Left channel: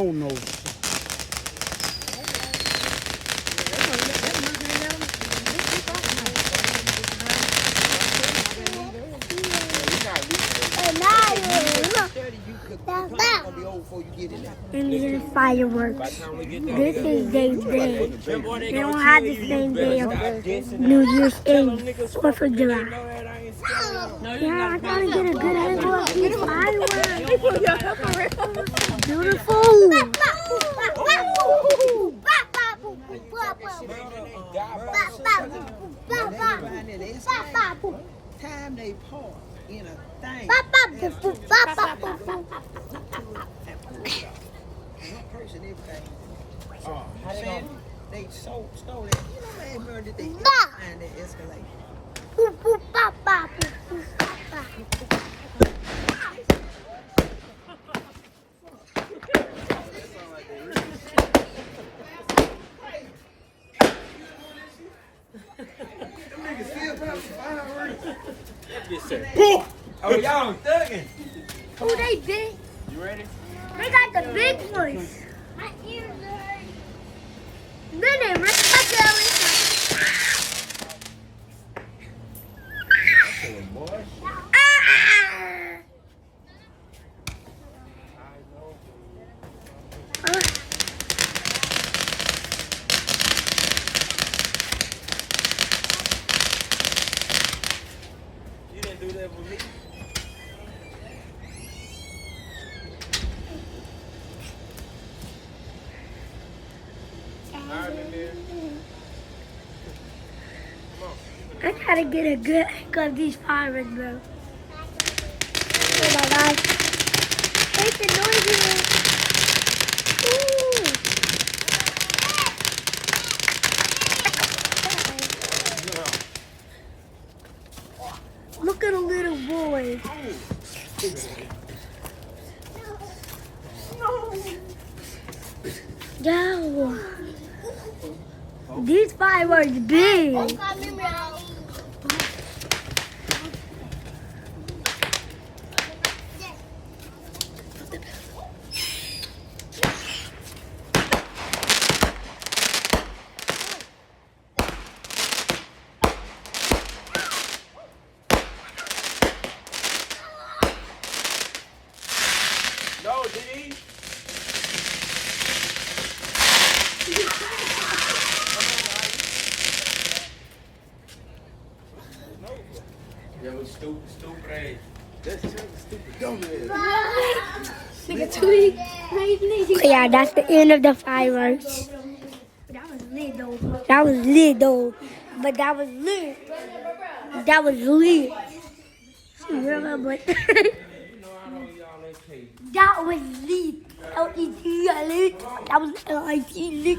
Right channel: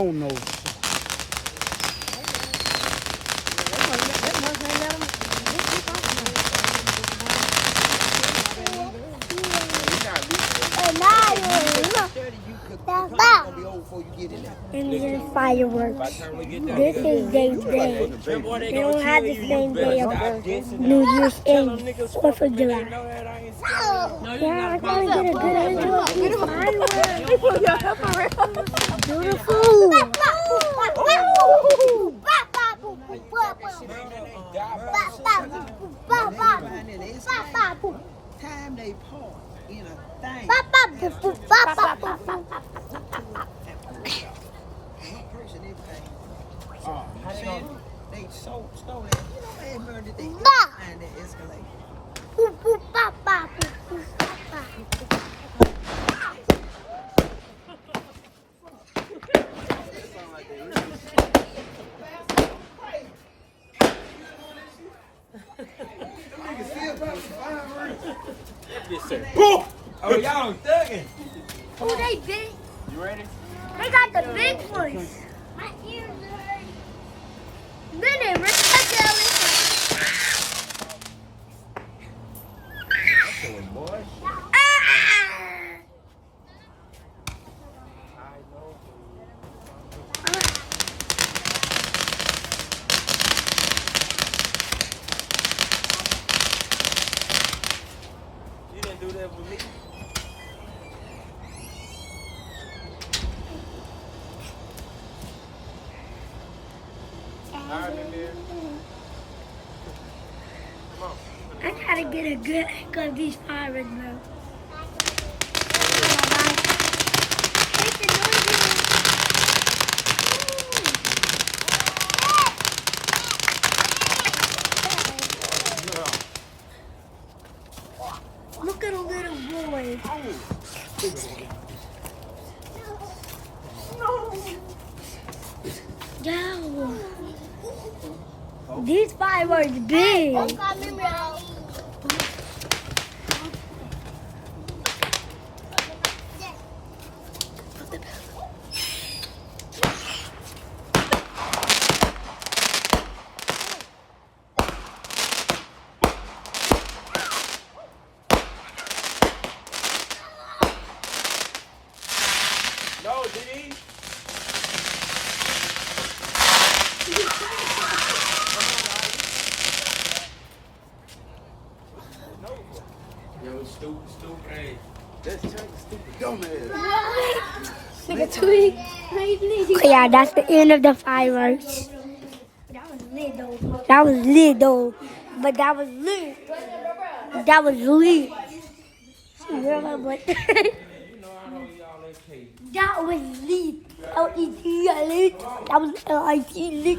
Oh no. And then fireworks. This is day. They don't have the same day of New Year's Eve, 4th of July. Yeah, I gotta get a good angle of these fireworks. Beautiful. Time they part in a thing. One person, everything. They stole it. You know, they murdered they and they escalated. Oh, y'all thugging. Who they big? You ready? They got the big ones. My ears hurt. Then they rip my belly. Boy. You didn't do that with me. I gotta get a good angle of these fireworks, bro. Oh my gosh. Hate the noises. Ooh. Look at a little boy. Yo. These fireworks big. No, Diddy. Yo, stupid ass. That's stupid dumb ass. Okay, yeah, that's the end of the fireworks. That was lit though. But that was lit. That was lit. Remember? That was lit. L-E-T lit. That was L-I-T lit.